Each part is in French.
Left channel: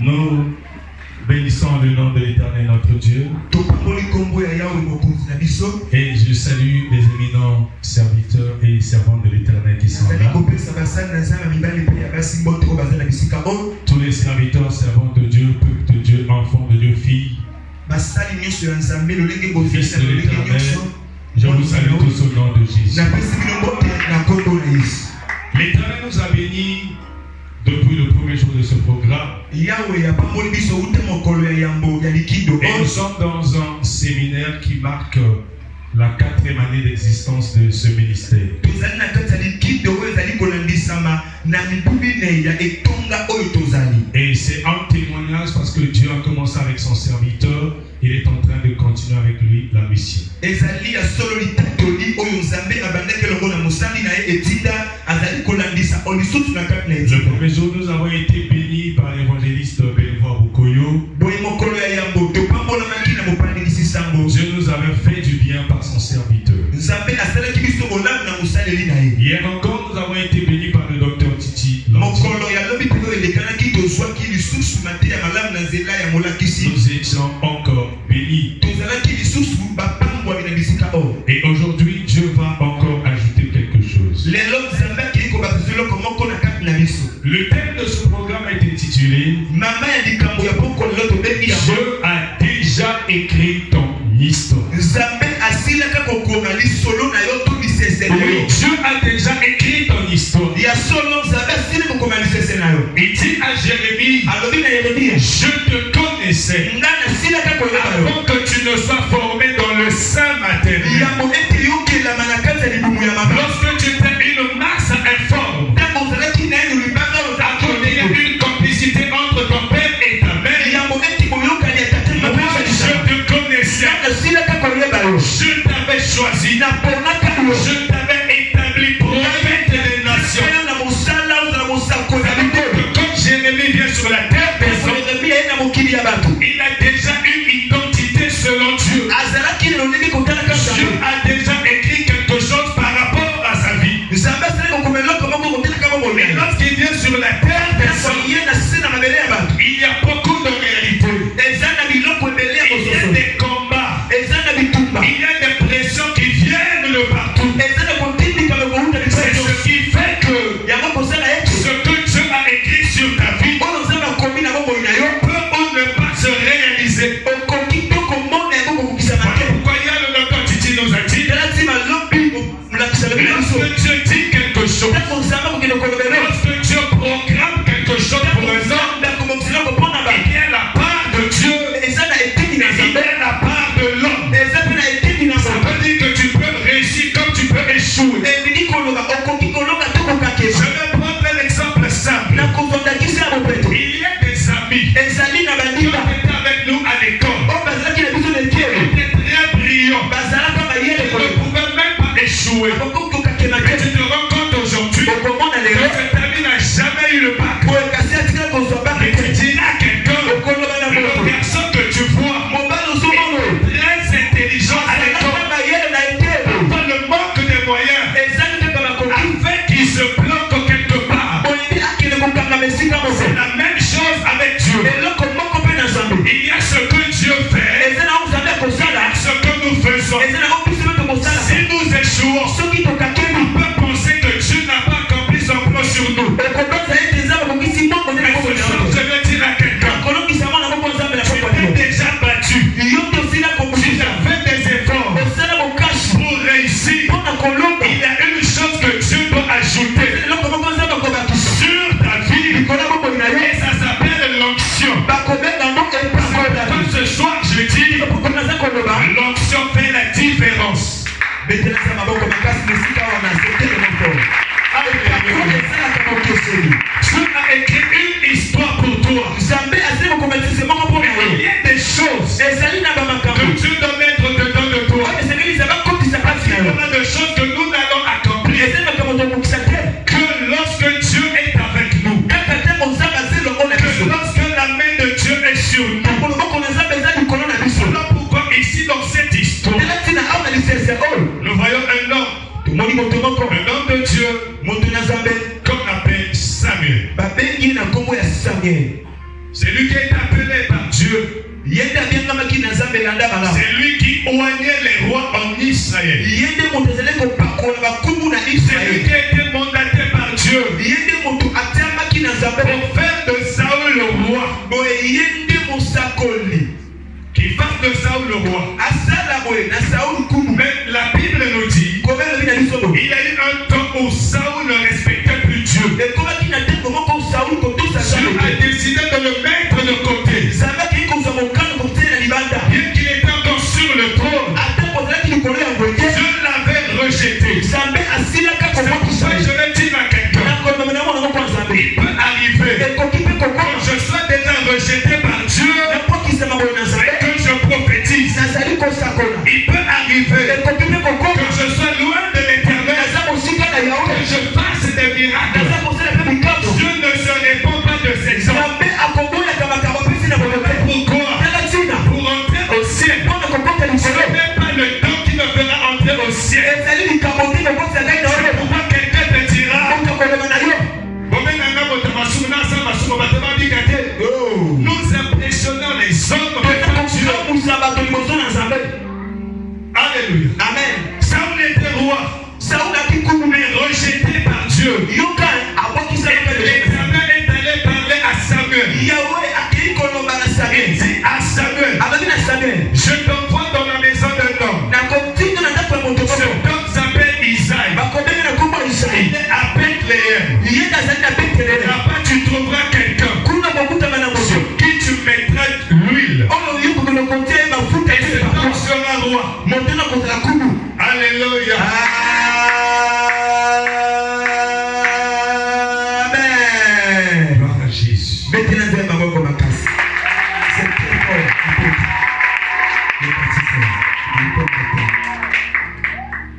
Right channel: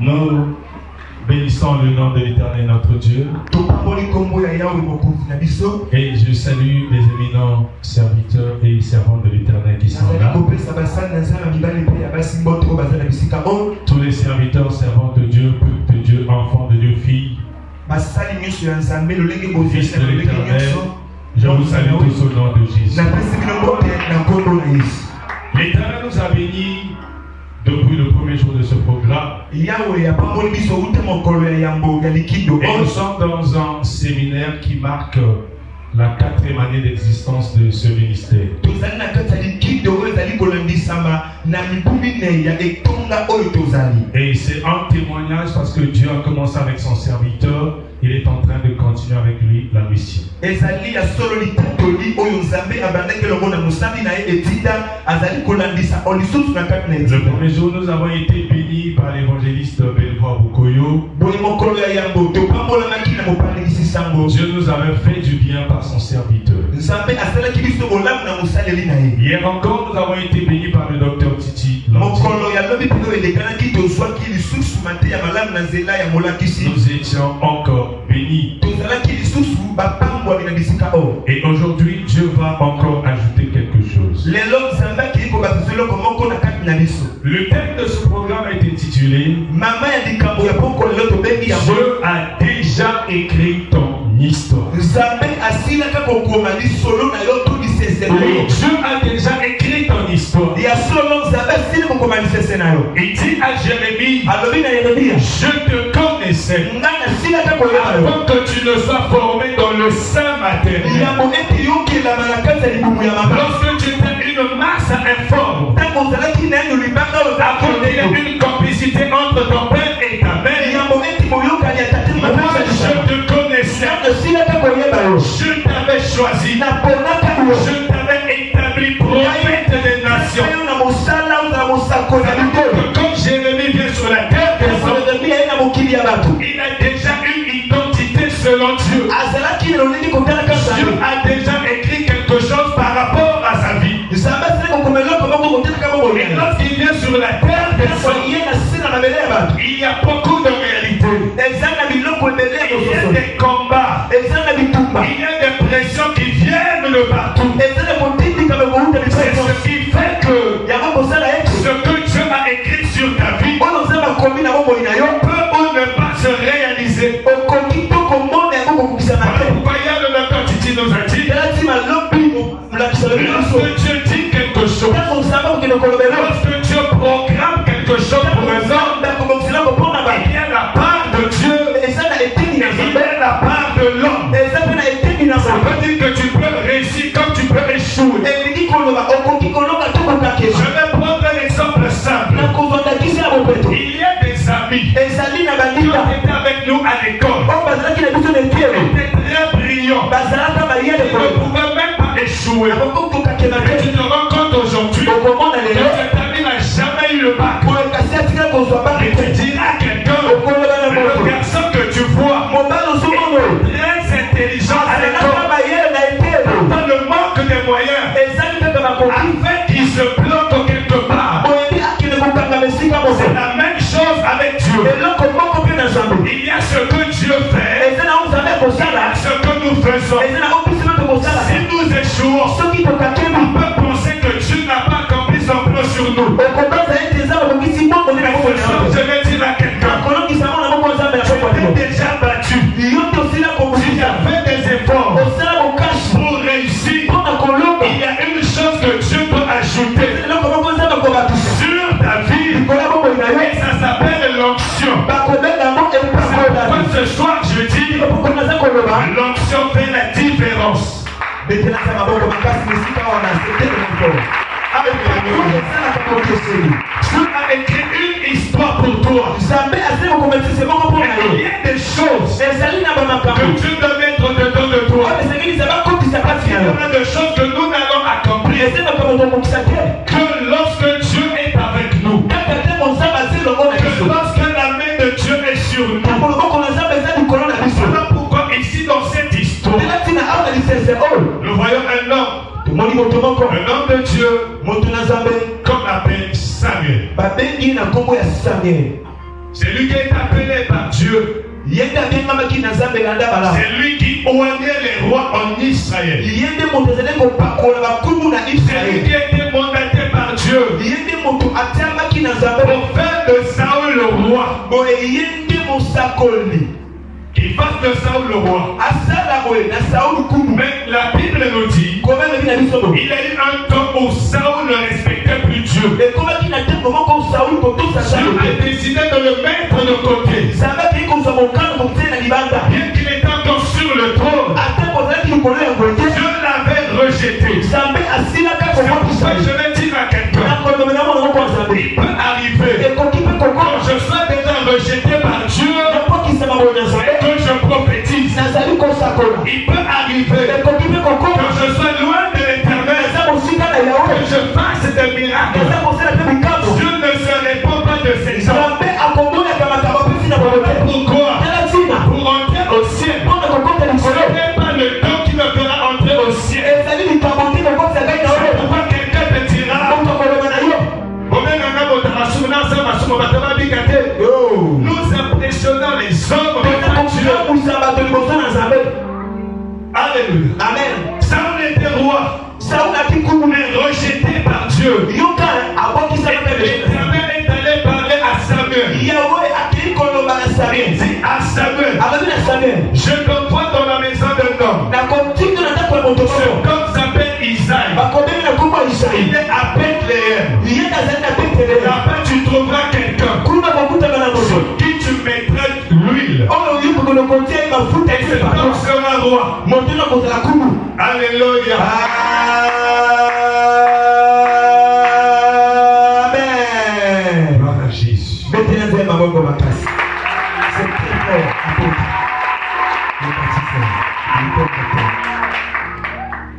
Nous bénissons le nom de l'Éternel notre Dieu. Et je salue les éminents serviteurs et servantes de l'Éternel qui sont là. Tous les serviteurs, servantes de Dieu, peuples de Dieu, enfants de Dieu, filles. Fils de l'Éternel, je vous salue tous au nom de Jésus. L'Éternel nous a bénis depuis le premier jour de ce programme. Et nous sommes dans un séminaire qui marque la 4e année d'existence de ce ministère. Et c'est un témoignage parce que Dieu a commencé avec son serviteur. Il est en train de continuer avec lui la mission. Le premier jour, nous avons été bénis par l'évangéliste Belvoir Bukoyo. Dieu nous avait fait du bien par son serviteur. Hier encore, nous avons été bénis par le docteur Titi. Nous étions encore bénis. Et aujourd'hui, Dieu va encore ajouter quelque chose. Le thème de ce programme est intitulé Dieu a déjà écrit ton histoire. Oui, Dieu a déjà écrit ton histoire. Il dit à Jérémie, je te connaissais avant que tu ne sois formé dans le sein maternel. Lorsque tu étais une masse informe, avant qu'il y ait une complicité entre ton père et ta mère, je te connaissais, je t'avais choisi, je t'avais établi prophète des nations. Quand Jérémie vient sur la terre, il a déjà une identité selon Dieu. Dieu a déjà écrit quelque chose par rapport à sa vie. Mais lorsqu'il vient sur la terre, il y a beaucoup de réalités. Il y a des combats. Il y a des pressions qui viennent de partout. C'est ce qui fait que ce que Dieu a écrit sur ta vie peut ou ne pas se réaliser. Pourquoi il y a le docteur Titi nous a dit, lorsque Dieu dit quelque chose, lorsque Dieu programme C'est lui qui est appelé par Dieu. C'est lui qui oignait les rois en Israël. C'est lui qui a été mandaté par Dieu pour faire de Saül le roi. Qu'il fasse de Saül le roi. Mais la Bible nous dit il y a eu un temps où Saül ne respectait plus Dieu. Dieu a décidé de le mettre de côté. Bien qu'il était encore sur le trône, Dieu l'avait rejeté. C'est pourquoi je vais dire à quelqu'un, il peut arriver quand je sois déjà rejeté par Dieu et que je prophétise. Il peut arriver quand je sois loin de l'Éternel que je fasse des miracles. Dieu ne se répond pas de ses hommes. Pourquoi? Pour entrer au ciel. Ce n'est pas le temps qui me fera entrer au ciel. C'est pourquoi quelqu'un te dira nous impressionnons les hommes de Dieu. Alléluia. Amen. Saül était roi. Mais rejeté par Dieu. L'Éternel est allé parler à Samuel. Il dit à Samuel, je t'envoie dans la maison d'un homme. Cet homme s'appelle Isaïe. Il est à Bethléem. Là-bas tu trouveras quelqu'un sur qui tu mettras l'huile. Et cet homme sera roi. Alléluia. Amen. Gloire à Jésus.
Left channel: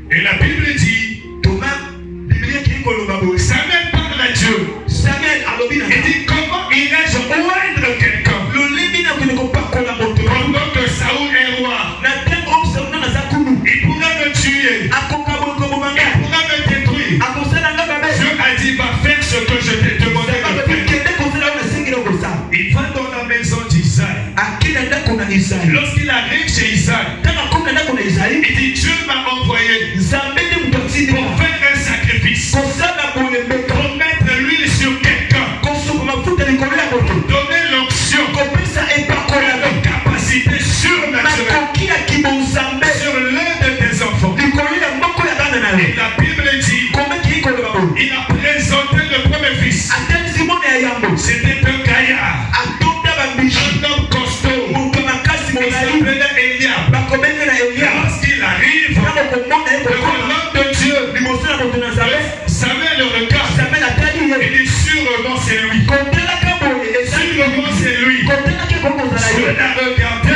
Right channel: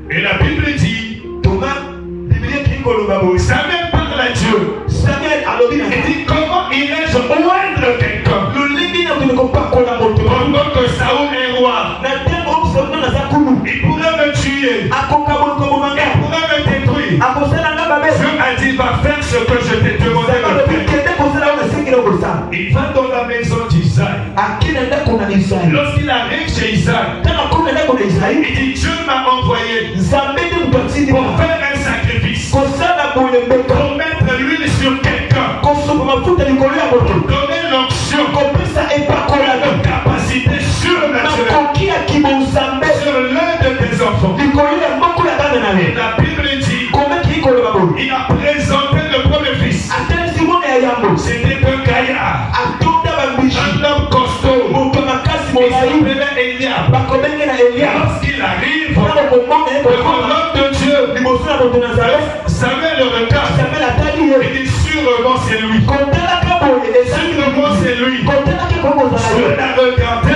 Et la Bible dit, Samuel parle à Dieu. Il dit, comment irais-je oindre quelqu'un pendant que Saül est roi? Il pourrait me tuer. Il pourrait me détruire. Dieu a dit, va faire ce que je t'ai demandé de faire. Il va dans la maison d'Isaïe. Lorsqu'il arrive chez Isaïe, il dit, Dieu m'a envoyé pour faire un sacrifice, pour mettre l'huile sur quelqu'un, pour donner l'onction, une capacité surnaturelle sur l'un de tes enfants. La Bible dit, il a présenté le premier fils. C'était un gaillard, un homme costaud. Il s'appelait Eliab. Lorsqu'il arrive devant l'homme de Dieu, Samuel le regarde. Il dit, sûrement c'est lui. Sûrement c'est lui. Dieu l'a regardé.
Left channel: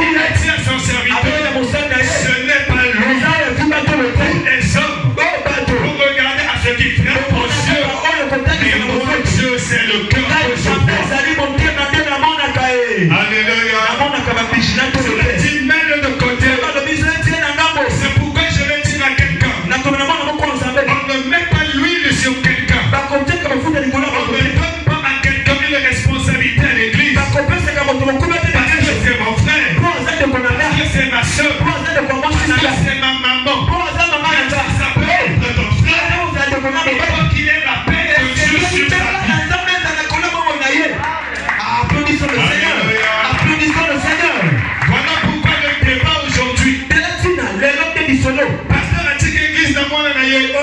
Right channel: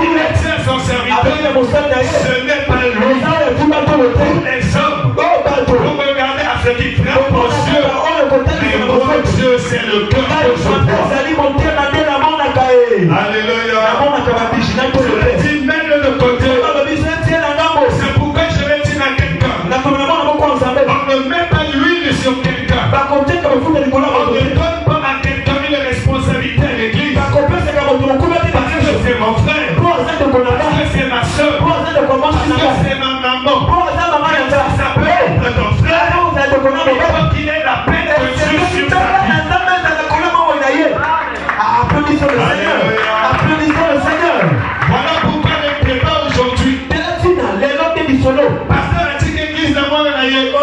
Il tient son serviteur. Ce n'est pas lui. Pour les hommes, vous regardez à ce qui frappe aux yeux. Mais moi, Dieu, c'est le cœur que je vois. Alléluia. Cela dit, mets-le de côté. C'est pourquoi je vais dire à quelqu'un, on ne met pas l'huile sur quelqu'un. On ne donne pas à quelqu'un une responsabilité à l'église. Parce que c'est mon frère. Parce que c'est ma soeur. Parce que c'est ma maman. Ça peut être ton frère. Il faut qu'il ait la paix de Dieu sur sa vie. Applaudissons le Seigneur. Applaudissons le Seigneur. Voilà pourquoi le débat aujourd'hui. Pasteur a dit qu'église n'a pas d'ailleurs.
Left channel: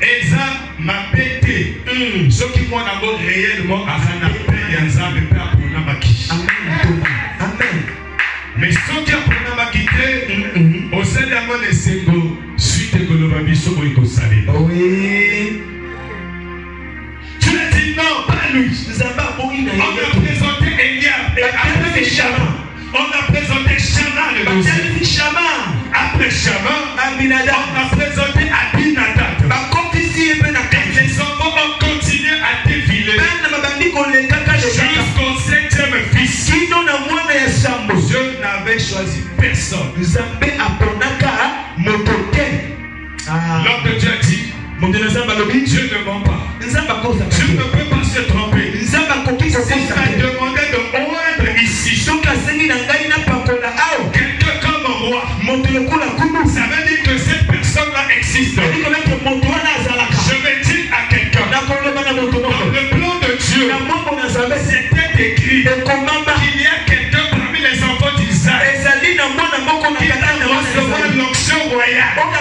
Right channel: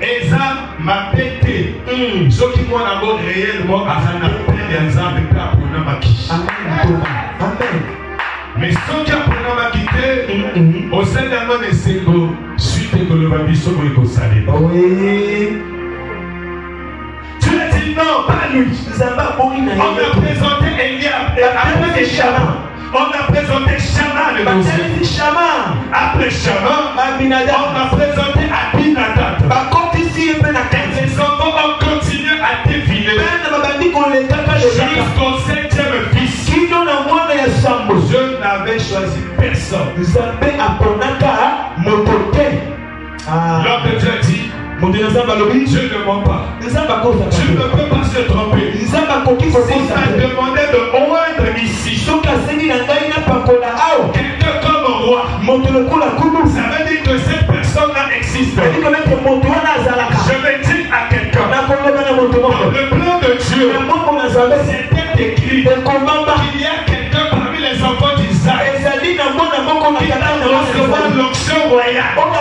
Eza m'a pété. Ce qui m'a d'abord réellement à sa appel des âmes et pas pour n'a pas quitté. Mais ce qui a pour n'a pas quitté, au sein de la main de Sengo, suite que le babiso pour le salé. Tu as dit non, pas lui. On a présenté Eliab et après Shama. On a présenté Shama le conseil. Après Shama, on a présenté Abinadab. Et les enfants ont continué à défiler jusqu'au 7e fils. Je n'avais choisi personne. L'homme de Dieu dit, Dieu ne ment pas. Tu ne peux pas se tromper. Si tu as demandé de oindre ici quelqu'un comme un roi, ça veut dire que cette personne-là existe. Je vais dire à quelqu'un, dans le plan de Dieu, c'était écrit qu'il y a quelqu'un parmi les enfants d'Israël qui va recevoir l'onction royale. Quand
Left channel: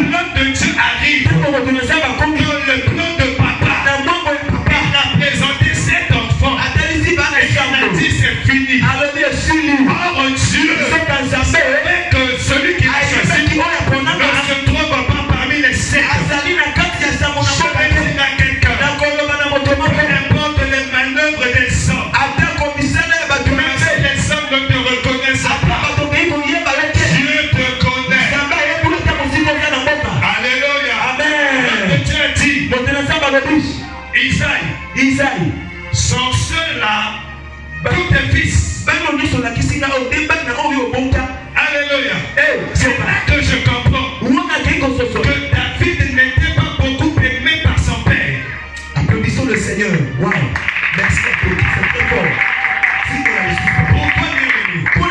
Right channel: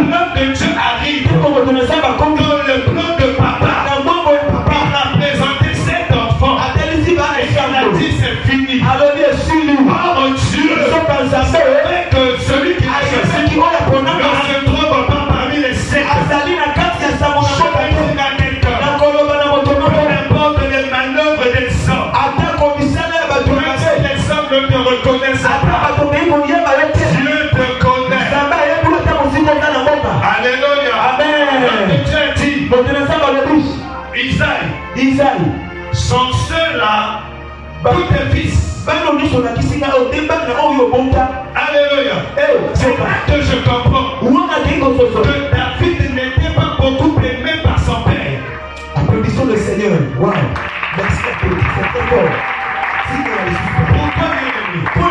l'homme de Dieu arrive dans le plan de papa, il a présenté cet enfant et il a dit c'est fini. Oh Dieu, c'est que celui qui a choisi ne se trouve pas parmi les sept. Je vais dire à quelqu'un, peu importe les manœuvres des hommes, même si les hommes ne te reconnaissent pas, Dieu te connaît. Alléluia. Amen. Dieu a dit, Isaïe, son seul là, tous tes fils. Alléluia. C'est là que je comprends que David n'était pas beaucoup aimé par son père. Applaudissons le Seigneur. Wow. Merci à Dieu. Pourquoi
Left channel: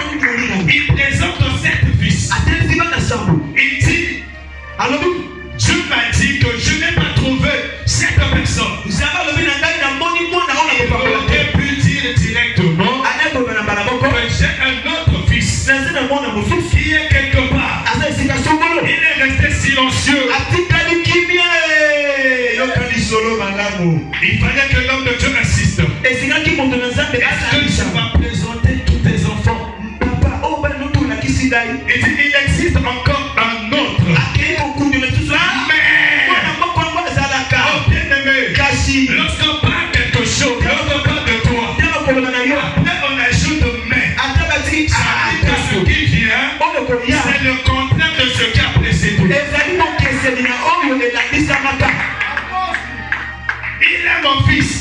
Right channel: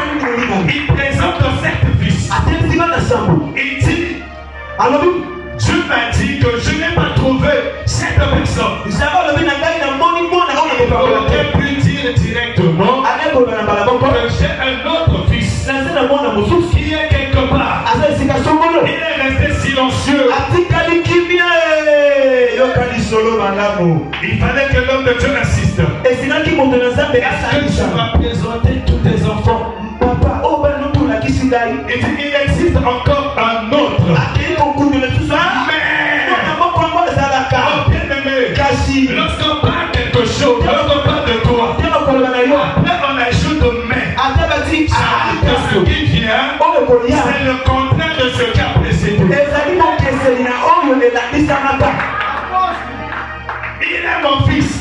il présente sept fils. Il dit, Dieu m'a dit que je n'ai pas trouvé cette personne. Il aurait pu dire directement que j'ai un autre fils qui est quelque part. Il est resté silencieux. Il fallait que l'homme de Dieu assiste. Est-ce que tu vas présenter tous tes enfants? Il existe encore un autre. Lorsqu'on parle quelque chose, lorsqu'on parle de toi, après on ajoute mais. C'est-à-dire que ce qui vient, c'est le contraire de ce qui a précédé. Il est mon fils.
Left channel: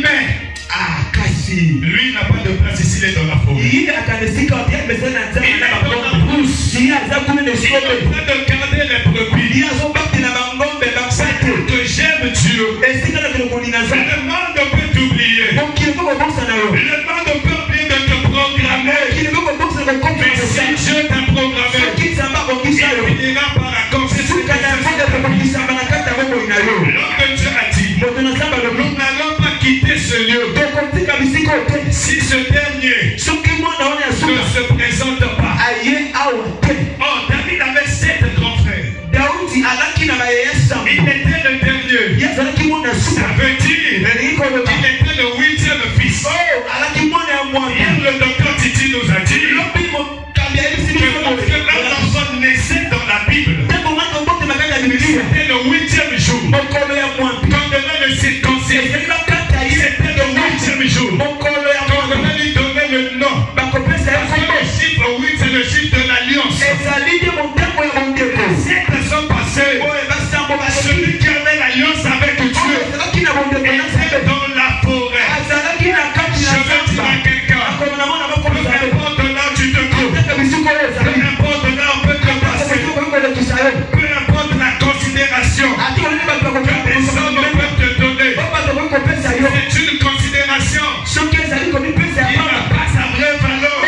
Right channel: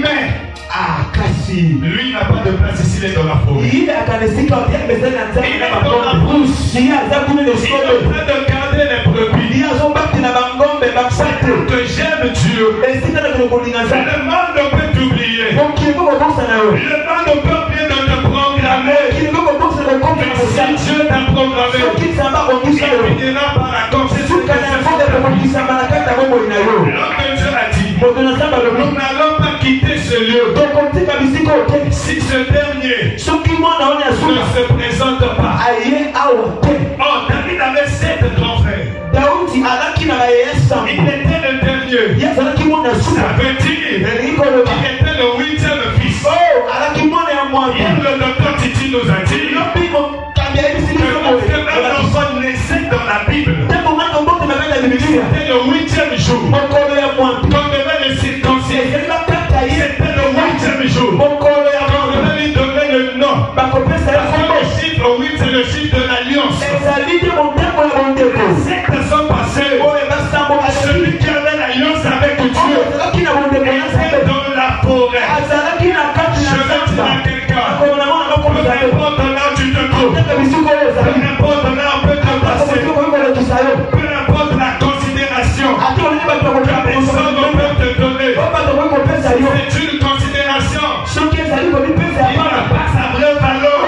Mais lui n'a pas de place ici, il est dans la forêt. Il est dans la brousse. Il est en train de garder les brebis. Que j'aime Dieu. Le monde ne peut t'oublier. Le monde ne peut oublier de te programmer. Mais si Dieu t'a programmé, il finira par accomplir ce que l'homme de Dieu a dit. Nous n'allons pas quitter ce lieu si ce dernier ne se présente pas. Oh, David avait 7 grands frères. Il était le dernier. Ça veut dire qu'il était le 8e fils. Hier, le docteur Titi nous a dit que lorsque un enfant naissait dans la Bible, c'était le 8e jour. Quand devait le circoncire, c'était le 8e jour. Quand devait lui donner le nom. Le chiffre 8, c'est le chiffre de l'alliance. 7 sont passés. Celui qui avait l'alliance avec Dieu était dans la forêt. Je vais dire à quelqu'un, peu importe là où tu te trouves, peu importe là où on peut te passer, peu importe la considération que les hommes peuvent te donner, c'est une considération qui n'a pas sa vraie valeur.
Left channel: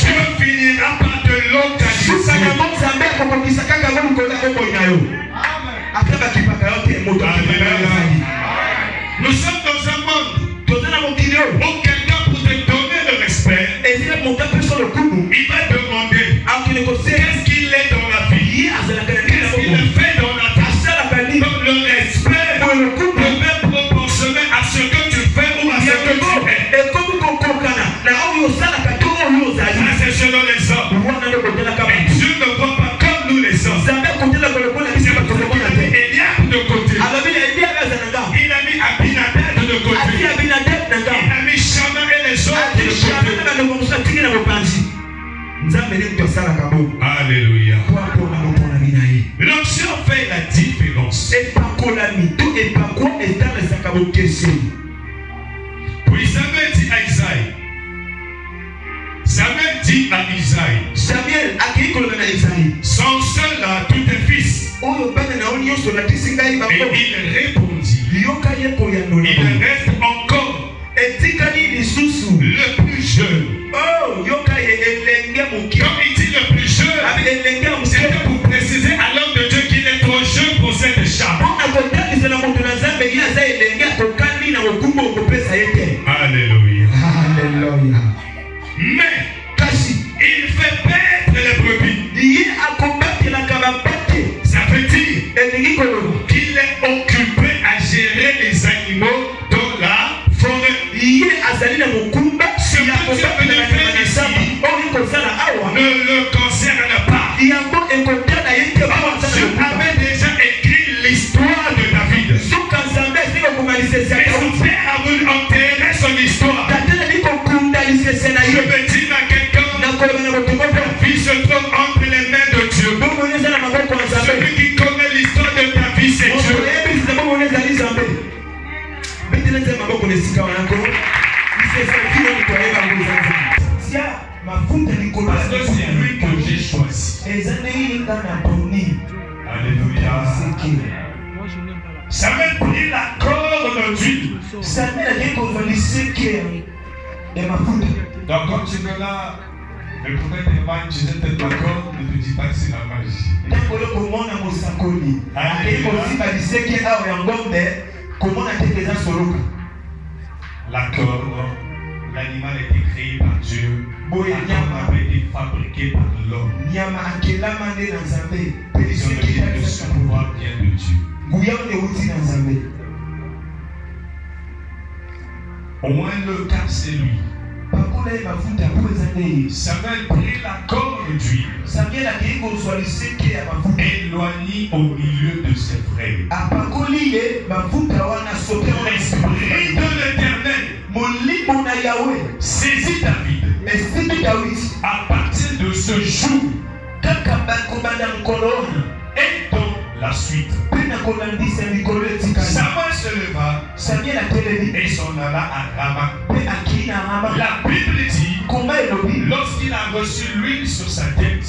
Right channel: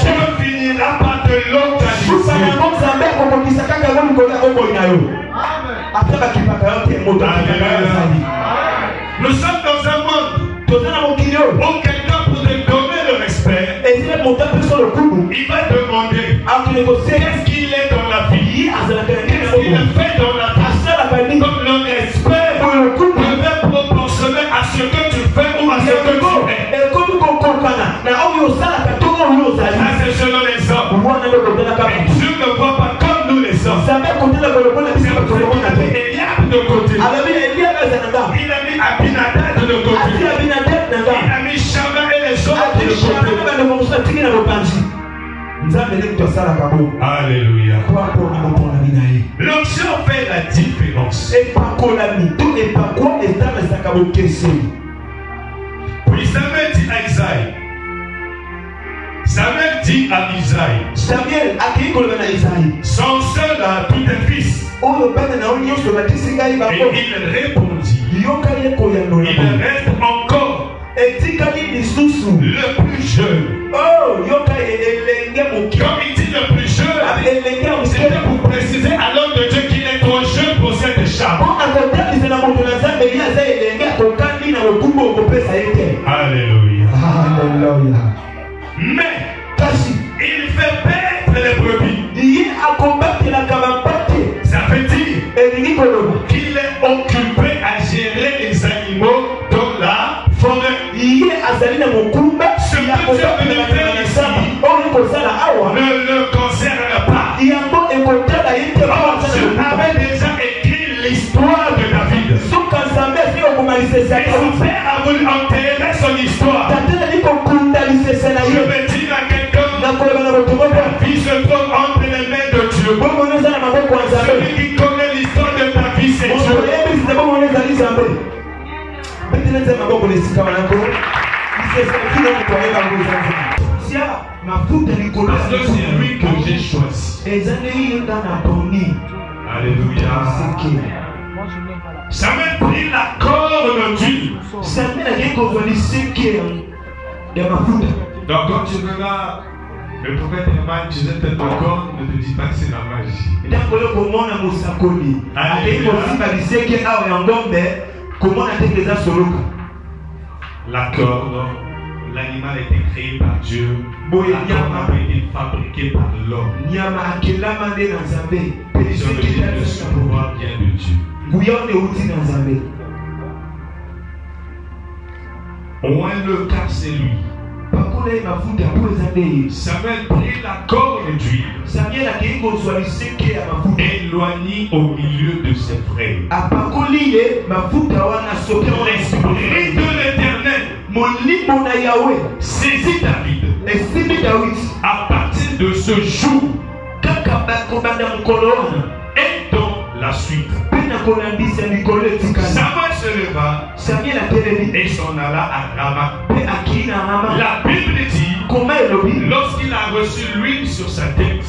Dieu finira par te localiser. Nous sommes dans un monde où quelqu'un pour te donner le respect, il va demander qu'est-ce qu'il est dans la vie, qu'est-ce qu'il fait dans la vie. Donc le respect devait proportionner à ce que tu fais ou à ce que tu es. Ça c'est selon les hommes. Et Dieu ne voit pas comme nous les hommes. C'est pour ça qu'il a mis Eliab de côté. Il a mis Abinadab de côté. Il a mis Shama et les autres de côté. Alléluia. L'onction fait la différence. Puis Samuel dit à Isaïe. Samuel dit à Isaïe. Son seul à tous tes fils. il répondit, il reste encore le plus jeune. Comme il dit le plus jeune, c'était pour préciser à l'homme de Dieu qu'il est trop jeune pour cette charge. Alléluia. Mais il fait paître les brebis. Ça veut dire qu'il est occupé à gérer les animaux dans la forêt. Ce que tu es venu faire ici ne le concerne pas. Dieu avait déjà écrit l'histoire de David. Et son père a voulu enterrer son histoire. Je me dis à quelqu'un, ta vie se trouve entre les mains de Dieu. Celui qui connaît l'histoire de ta vie, c'est Dieu. Parce que c'est lui que j'ai choisi. Alléluia. Samuel prit la corde d'huile. Donc quand tu verras le prophète Emmanuel, tu sais peut-être encore, ne te dis pas que c'est la magie. La corde, l'animal a été créé par Dieu. La corde a été fabriquée par l'homme. Ce pouvoir vient de Dieu. Au moins le cas c'est lui. Samuel prit la corde d'huile, éloigné au milieu de ses frères. L'esprit de l'Éternel saisit David. À partir de ce jour et dans la suite, Samuel se leva et s'en alla à Rama. La Bible dit, lorsqu'il a reçu l'huile sur sa tête,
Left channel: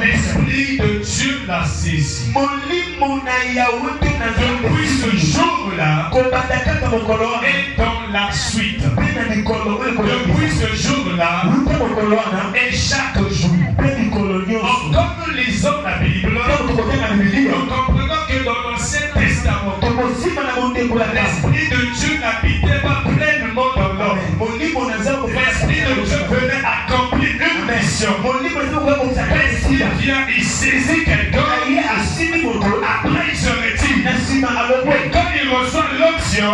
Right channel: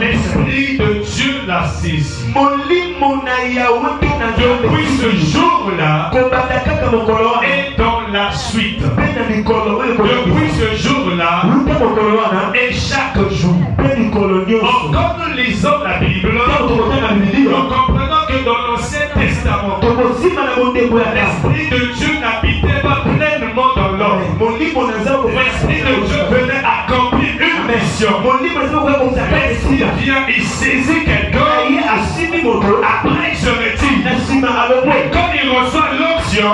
l'Esprit de Dieu l'a saisi. Depuis ce jour-là et dans la suite, depuis ce jour-là et chaque jour, comme nous lisons la Bible, nous comprenons que dans l'Ancien Testament, l'Esprit de Dieu n'habitait pas pleinement dans l'homme. L'Esprit de Dieu venait accomplir une mission. L'Esprit vient, il saisit quelqu'un, après il se retire. Mais quand il reçoit l'onction,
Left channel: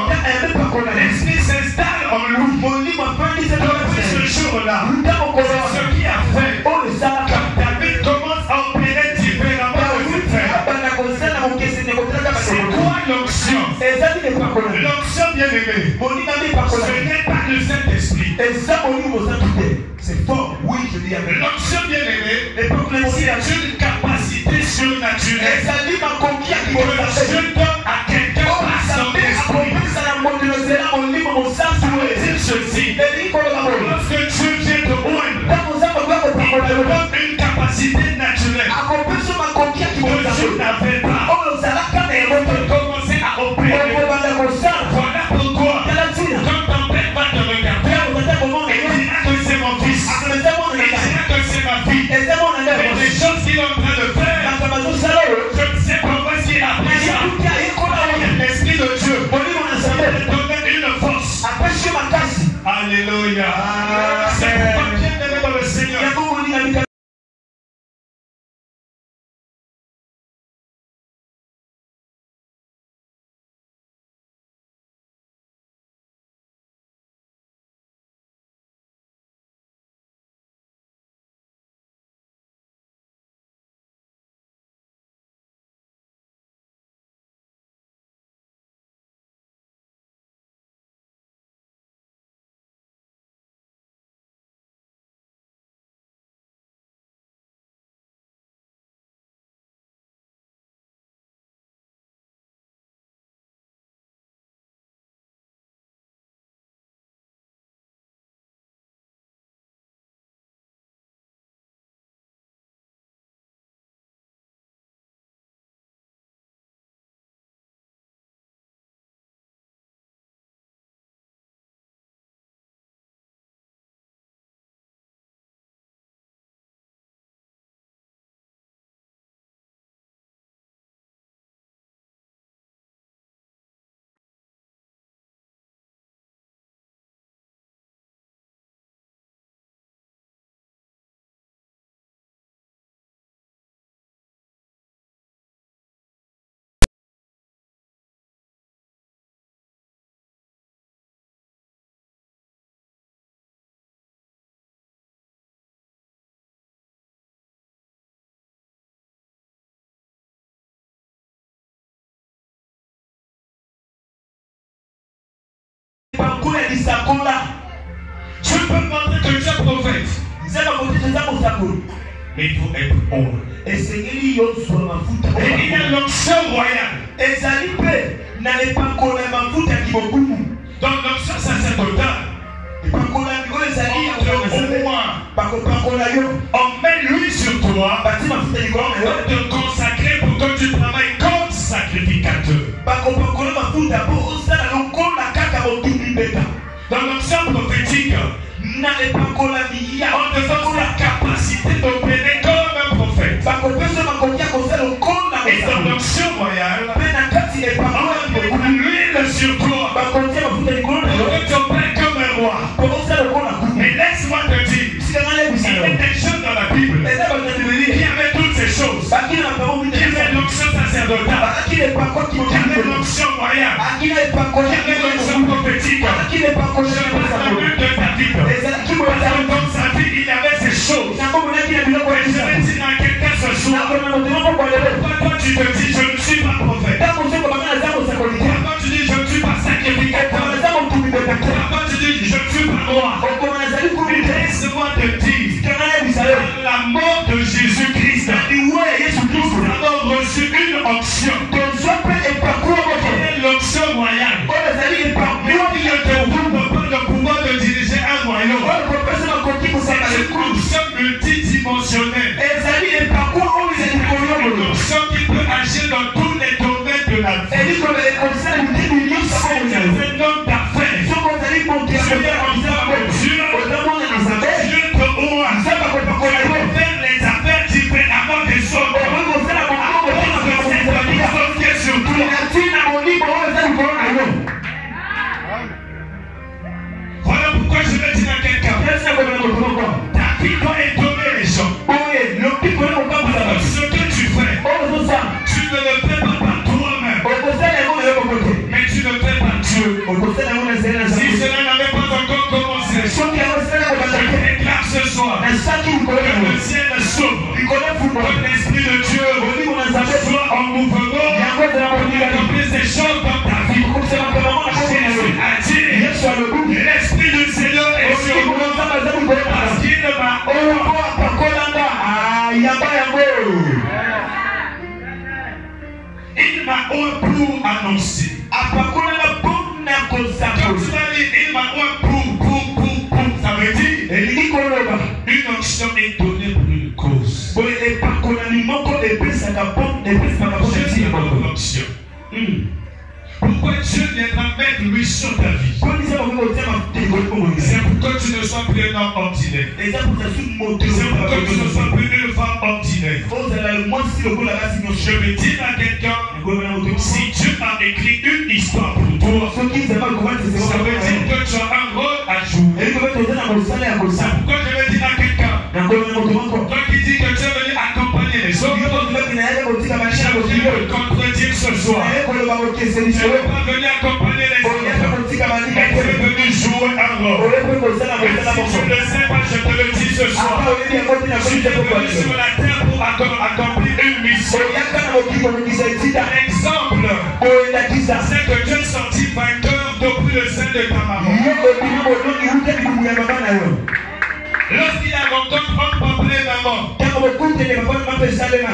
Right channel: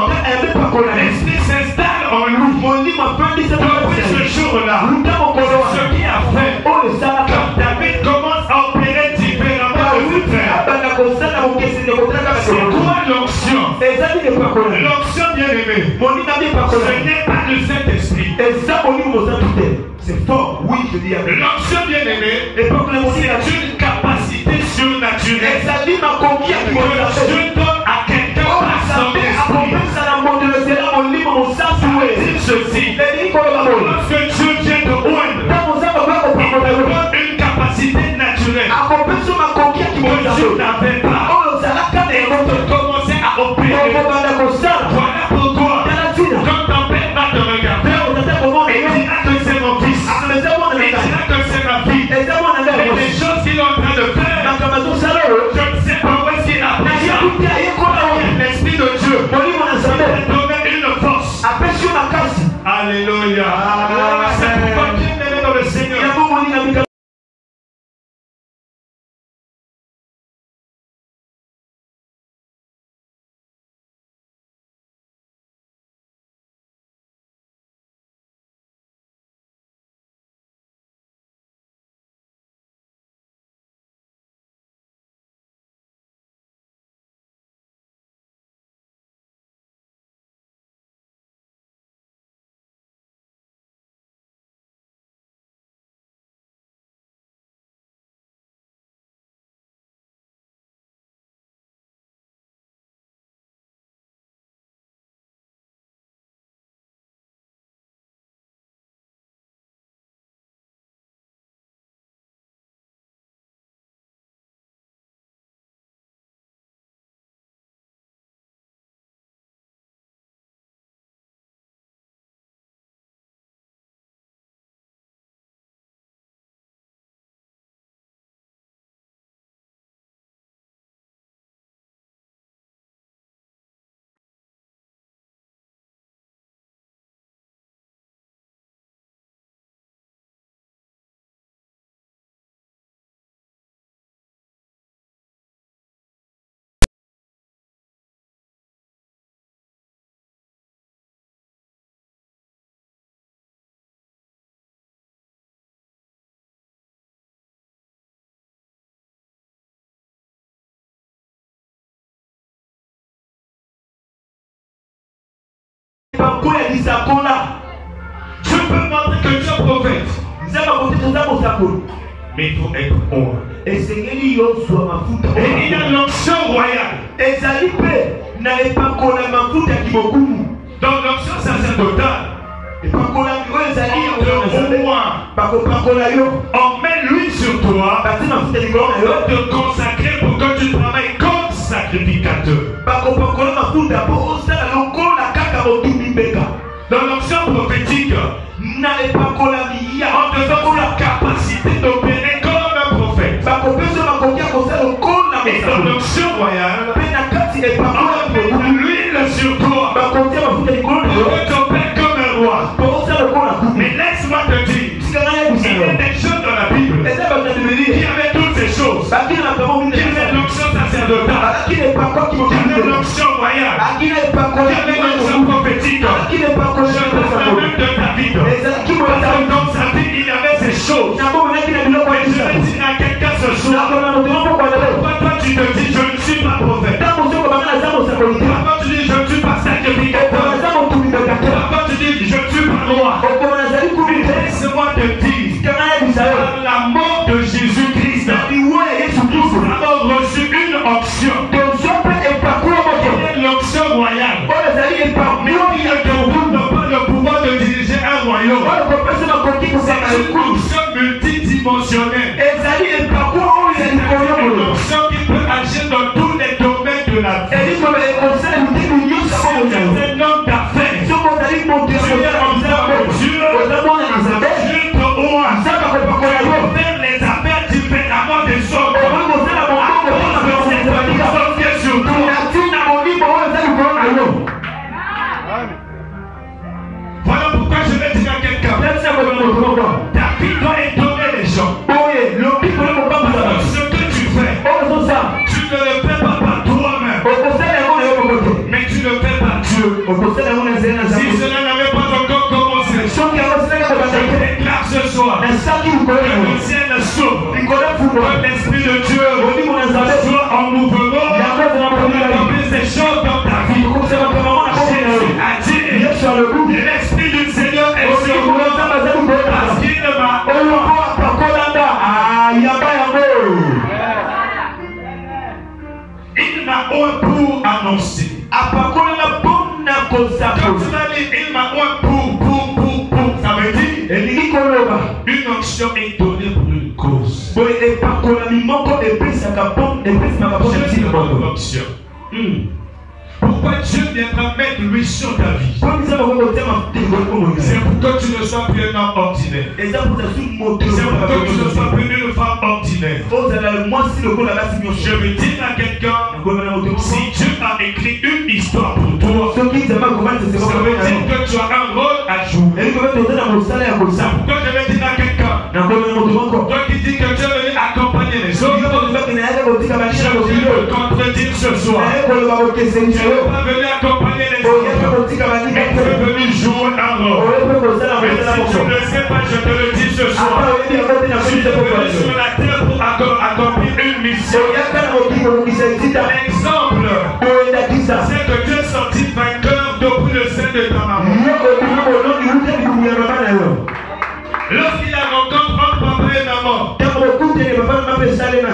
l'Esprit s'installe en lui. Depuis ce jour-là, c'est ce qui a fait. Quand David commence à opérer différemment de ses frères. C'est quoi l'onction? L'onction, bien aimé, ce n'est pas le Saint-Esprit. C'est fort, oui, je dis à vous. L'onction, bien aimé, c'est une capacité surnaturelle que Dieu donne à quelqu'un par son esprit. Ceci, lorsque Dieu vient te oindre, il te donne une capacité naturelle que Dieu n'avait pas. Et on peut commencer à opérer. Voilà pourquoi, quand ton père va te regarder, il dira que c'est mon fils, il dira que c'est ma fille. Et les choses qu'il est en train de faire, je ne sais pas où est-ce qu'il a pris ça. L'Esprit de Dieu il te donne une force. Alléluia. Je peux montrer que tu es prophète. Mais il faut être hors. Et il y a l'onction royale. Donc l'onction sacerdotale. On met l'huile sur toi pour te consacrer pour que tu travailles comme sacrificateur. Dans l'onction prophétique, on te donne la capacité d'opérer comme un prophète. Et dans l'onction royale, on met l'huile sur toi pour que tu opères comme un roi. Mais laisse-moi te dire, il y a des gens dans la Bible qui avaient toutes ces choses, qui avaient l'onction sacerdotale, qui avaient l'onction royale, qui avaient l'onction prophétique. Je parle même de David. Parce que dans sa vie, il avait ces choses. Et je vais dire à quelqu'un ce soir, pourquoi toi tu te dis je ne suis pas prophète? Pourquoi tu dis je ne suis pas sacrificateur? Pourquoi tu dis je ne suis pas roi? Laisse-moi te dire, par la mort de Jésus-Christ, nous avons reçu une onction. L'onction royale. Mais il ne te donne pas le pouvoir de diriger un royaume. C'est une onction multidimensionnelle. C'est une onction qui peut agir dans tous les domaines de la vie. C'est un homme d'affaires. Tu es enfant de Dieu. Dieu te ouvre. Tu peux faire les affaires différemment des autres. Voilà pourquoi je vais dire à quelqu'un, David doit étonner les gens. Ce que tu fais, tu ne le fais pas par toi-même, mais tu le fais par Dieu. Si cela n'avait pas encore commencé, je déclare ce soir que le ciel s'ouvre, que l'Esprit de Dieu soit en mouvement, accomplir ces choses dans ta vie. Jésus a dit, l'Esprit du Seigneur est sur moi parce qu'il m'a pour annoncer. Quand tu vas dire il m'a pour, ça veut dire une onction est donnée pour une cause. Je dis l'onction. Pourquoi Dieu viendra mettre lui sur ta vie? C'est pour que tu ne sois plus un homme ordinaire. C'est pour que tu ne sois plus une femme ordinaire. Je veux dire à quelqu'un, si Dieu a écrit une histoire pour toi, ça veut dire que tu as un rôle à jouer. C'est pourquoi je vais dire à quelqu'un, toi qui dis que tu es venu accompagner les autres, je veux contredire ce soir. Tu n'es pas venu accompagner les autres, mais tu es venu jouer un rôle. Mais si tu ne le sais pas, je te le dis ce soir. Tu es venu sur la terre pour accomplir une mission. L'exemple, c'est que tu es sorti vainqueur depuis le sein de ta maman. Lorsqu'il a rencontré entre papa et maman,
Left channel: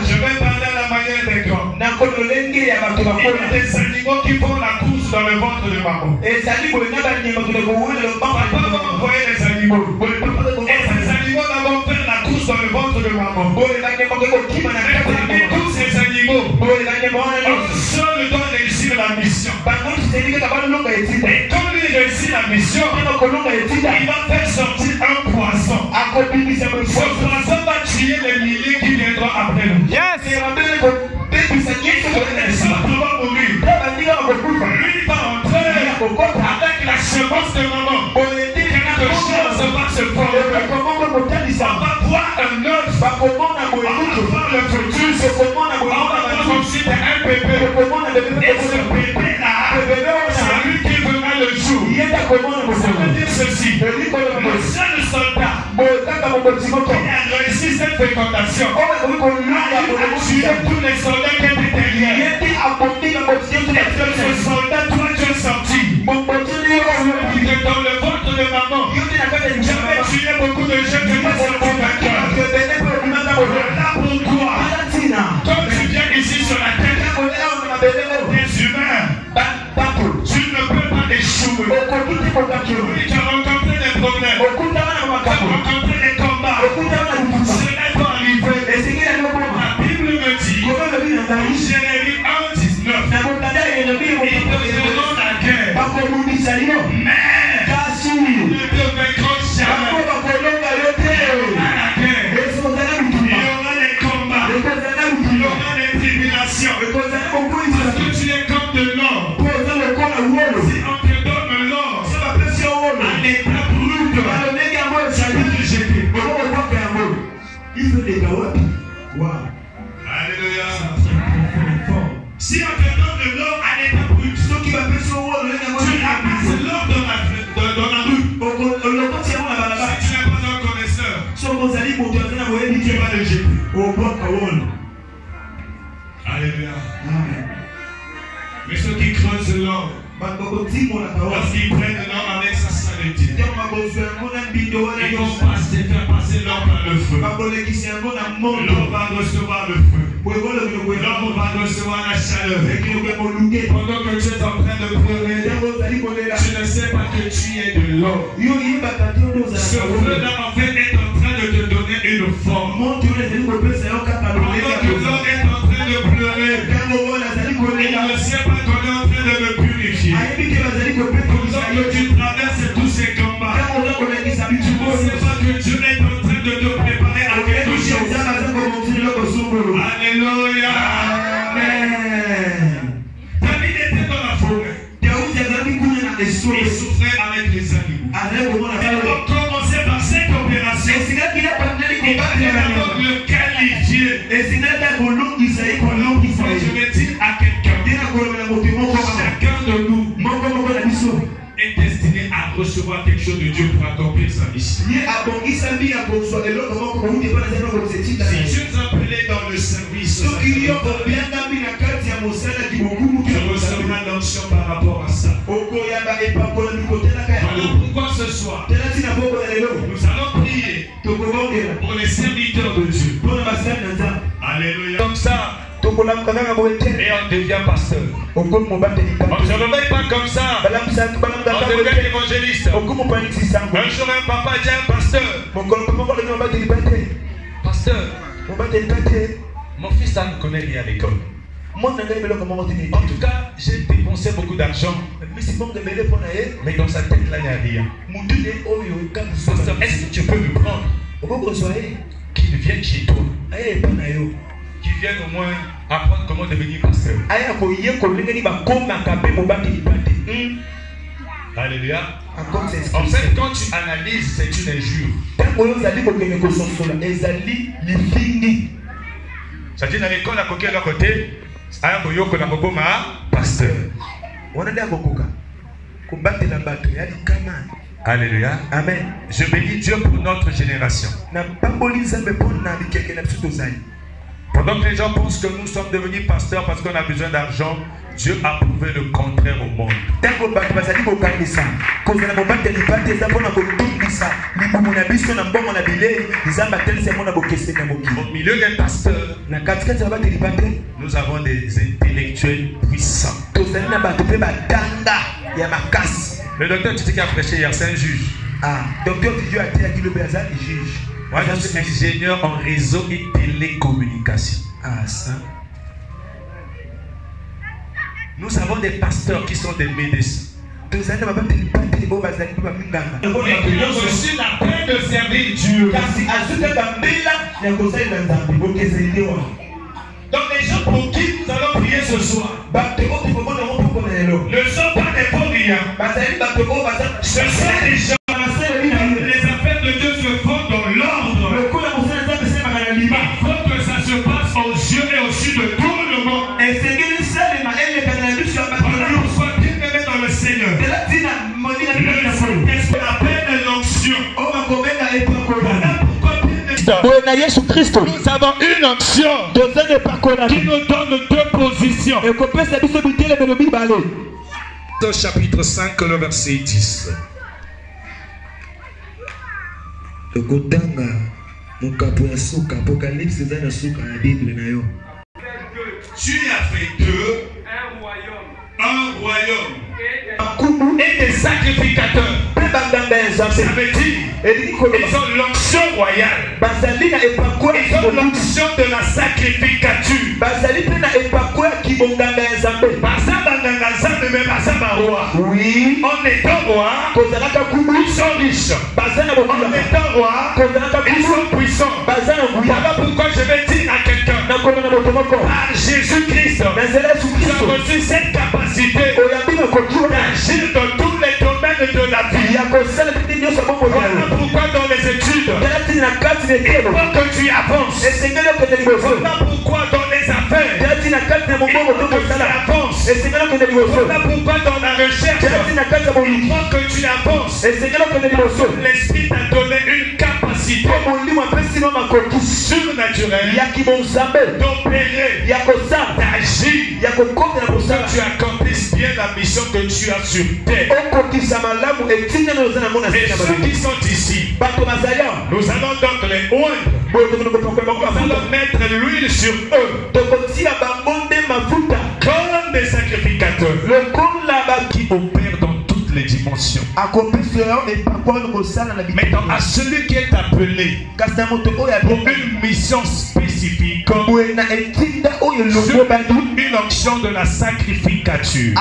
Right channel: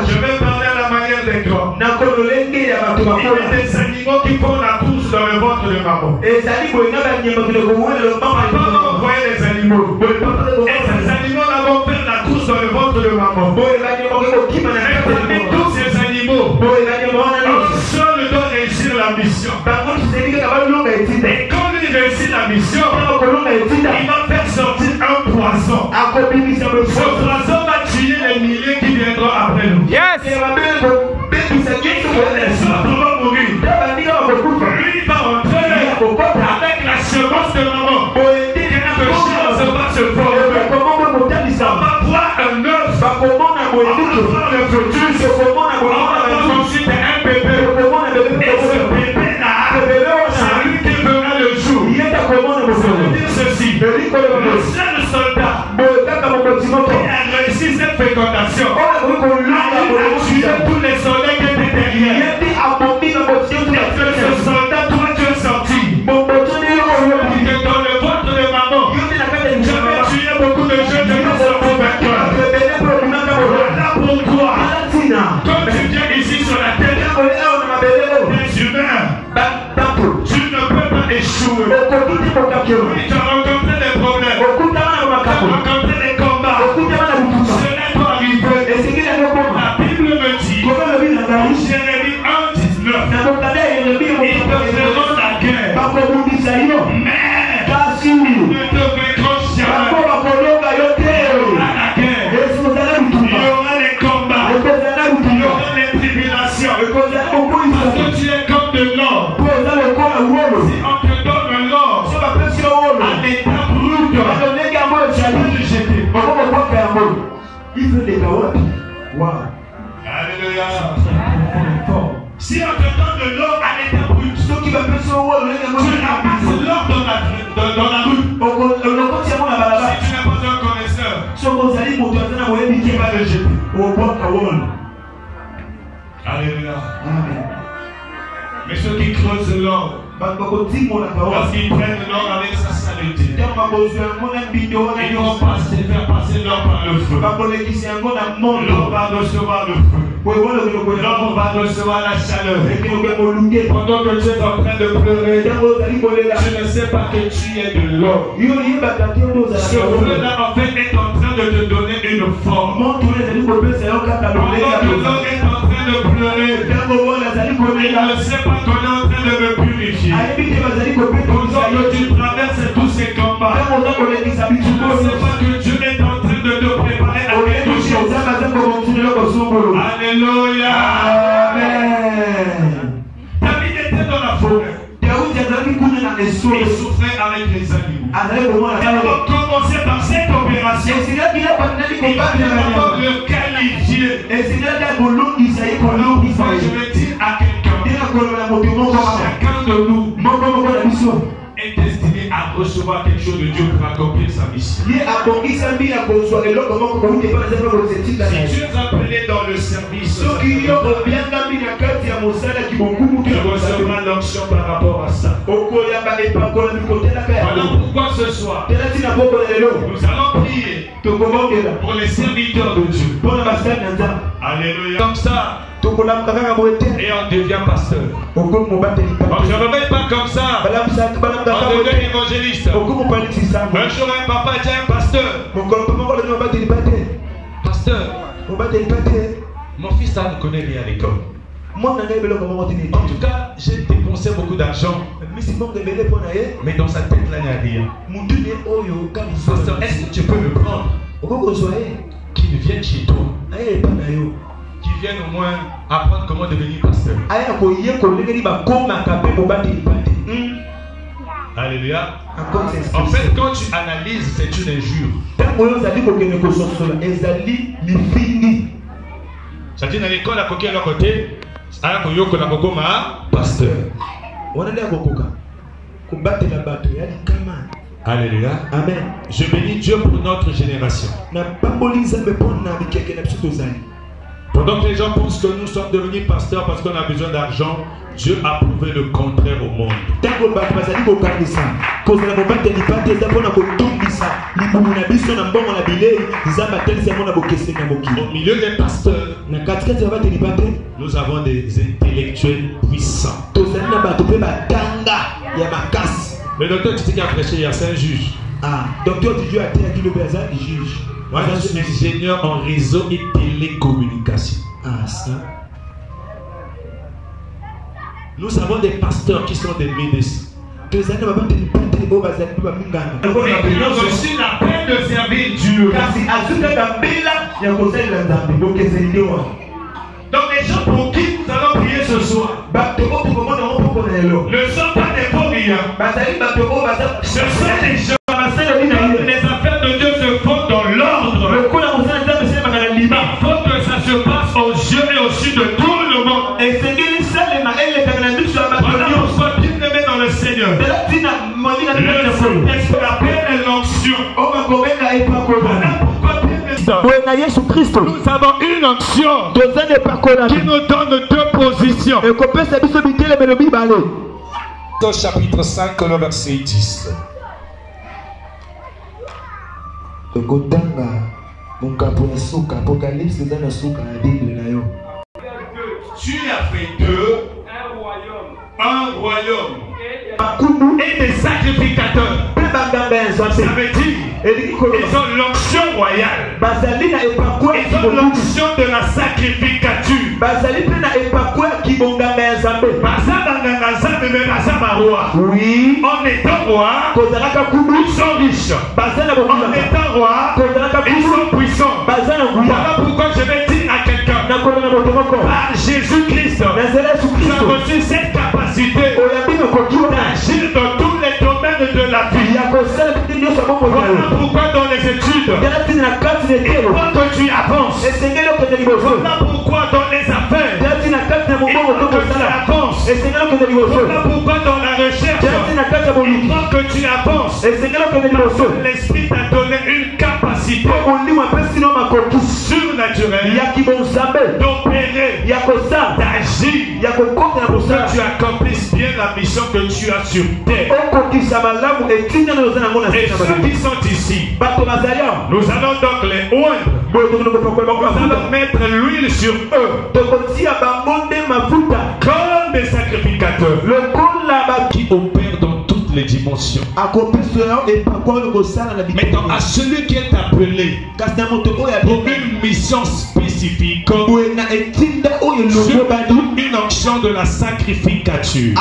je vais parler à la manière des grands. Il y a des animaux qui font la course dans le ventre de maman. Papa m'a envoyé les animaux. Et ces animaux vont faire la course dans le ventre de maman. Et tous ces animaux, un seul doit réussir la mission. Et quand il réussit la mission, il va faire sortir un poisson. Ce poisson va tuer les milliers qui viendront après nous. Yes! Les autres vont mourir. Lui va entrer avec la semence de maman. Quelque chose va se former. On va voir un œuf. On va voir le fœtus. On va voir ensuite un bébé. Et ce bébé-là, c'est lui qui verra le jour. Ça veut dire ceci. Le seul soldat qui a réussi cette fécondation a tué tous les viens ici sur la terre, des humains, tu ne peux pas échouer. Oui, tu as rencontré des problèmes, tu as rencontré des combats. Ce n'est pas arrivé. La Bible me dit, Jérémie 1:19, ils te feront la guerre, mais ne te vaincront jamais. À la guerre, il y aura les combats, il y aura les tribulations. Parce que tu es comme de l'or. Si on te donne l'or, un état brut, tu peux le jeter. Alléluia. Si on te donne de l'or à l'état brut, tu ramasses l'or dans la rue. Si tu n'es pas un connaisseur, tu vas le jeter. Alléluia. Mais ceux qui creusent l'or, lorsqu'ils prennent l'or avec sa saleté, ils ne vont pas se faire passer l'or par le feu. L'or va recevoir le feu. L'or va recevoir la chaleur. Pendant que tu es en train de pleurer, tu ne sais pas que tu es de l'or. Ce feu-là, en fait, est en train de te donner une forme. Pendant que l'or est en train de pleurer, il ne sait pas qu'on est en train de me purifier. Pendant que tu traverses tous ces combats, tu ne sais pas que Dieu est en train de te préparer à quelque chose. Alléluia. Amen. David était dans la forêt. Il souffrait avec les animaux. Il va commencer par cette opération. Il va d'abord le qualifier. Je vais dire à quelqu'un, chacun de nous est destiné à recevoir quelque chose de Dieu pour accomplir sa mission. Si tu es appelé dans le service, tu recevras l'onction par rapport à ça. Voilà pourquoi ce soir, nous allons prier pour les serviteurs de Dieu. Alléluia. Comme ça, et on devient pasteur. On ne se réveille pas comme ça. On devient évangéliste. Un jour, un papa dit un pasteur. Pasteur, mon fils ne connaît rien à l'école. En tout cas, j'ai dépensé beaucoup d'argent. Mais dans sa tête, là, il n'y a rien. Pasteur, est-ce que tu peux me prendre? Qu'il vienne chez toi. Qui viennent au moins apprendre comment devenir pasteur. Alléluia. En fait, quand tu analyses, c'est une injure. C'est-à-dire, dans l'école, à côté, pasteur. Alléluia. Amen. Je bénis Dieu pour notre génération. Pendant que les gens pensent que nous sommes devenus pasteurs parce qu'on a besoin d'argent, Dieu a prouvé le contraire au monde. Au milieu des pasteurs, nous avons des intellectuels puissants. Le docteur Titi qui a prêché hier, c'est un juge. Docteur Titi a été le juge. Moi, je suis ingénieur en réseau et télécommunication. Ça. Nous avons des pasteurs qui sont des médecins. Nous aussi la peine de servir Dieu. Donc les gens pour qui nous allons prier ce soir ne sont pas des pauvres. Ce sont des gens. Les affaires de Dieu se font dans l'ordre. Il faut que ça se passe aux yeux et aux yeux de tout le monde. Voilà pourquoi bien aimé dans le Seigneur. Le Saint-Esprit appelle l'onction. Voilà pourquoi nous avons une onction qui nous donne deux positions. Dans chapitre 5, le verset 10. Tu as fait d'eux un royaume et des sacrificateurs. Ça veut dire ils ont l'onction royale. Ils ont l'onction de la sacrificature. Oui. En étant roi, ils sont riches. En étant roi, ils sont puissants. Voilà pourquoi je vais dire à quelqu'un, par Jésus-Christ, tu as reçu cette capacité d'agir dans tous les domaines de la vie. Voilà pourquoi dans les études, il faut que tu avances. Voilà pourquoi dans les affaires, il faut que tu avances. Voilà pourquoi dans la recherche, il faut que tu avances. L'Esprit t'a donné une capacité surnaturelle d'opérer, d'agir, pour que tu accomplisses bien la mission que tu as sur terre. Et ceux qui sont ici, nous allons donc les oindre. Nous allons mettre l'huile sur eux comme des sacrificateurs qui opèrent dans toutes les dimensions. Maintenant, à celui qui est appelé pour une mission spécifique, une onction de la sacrificature,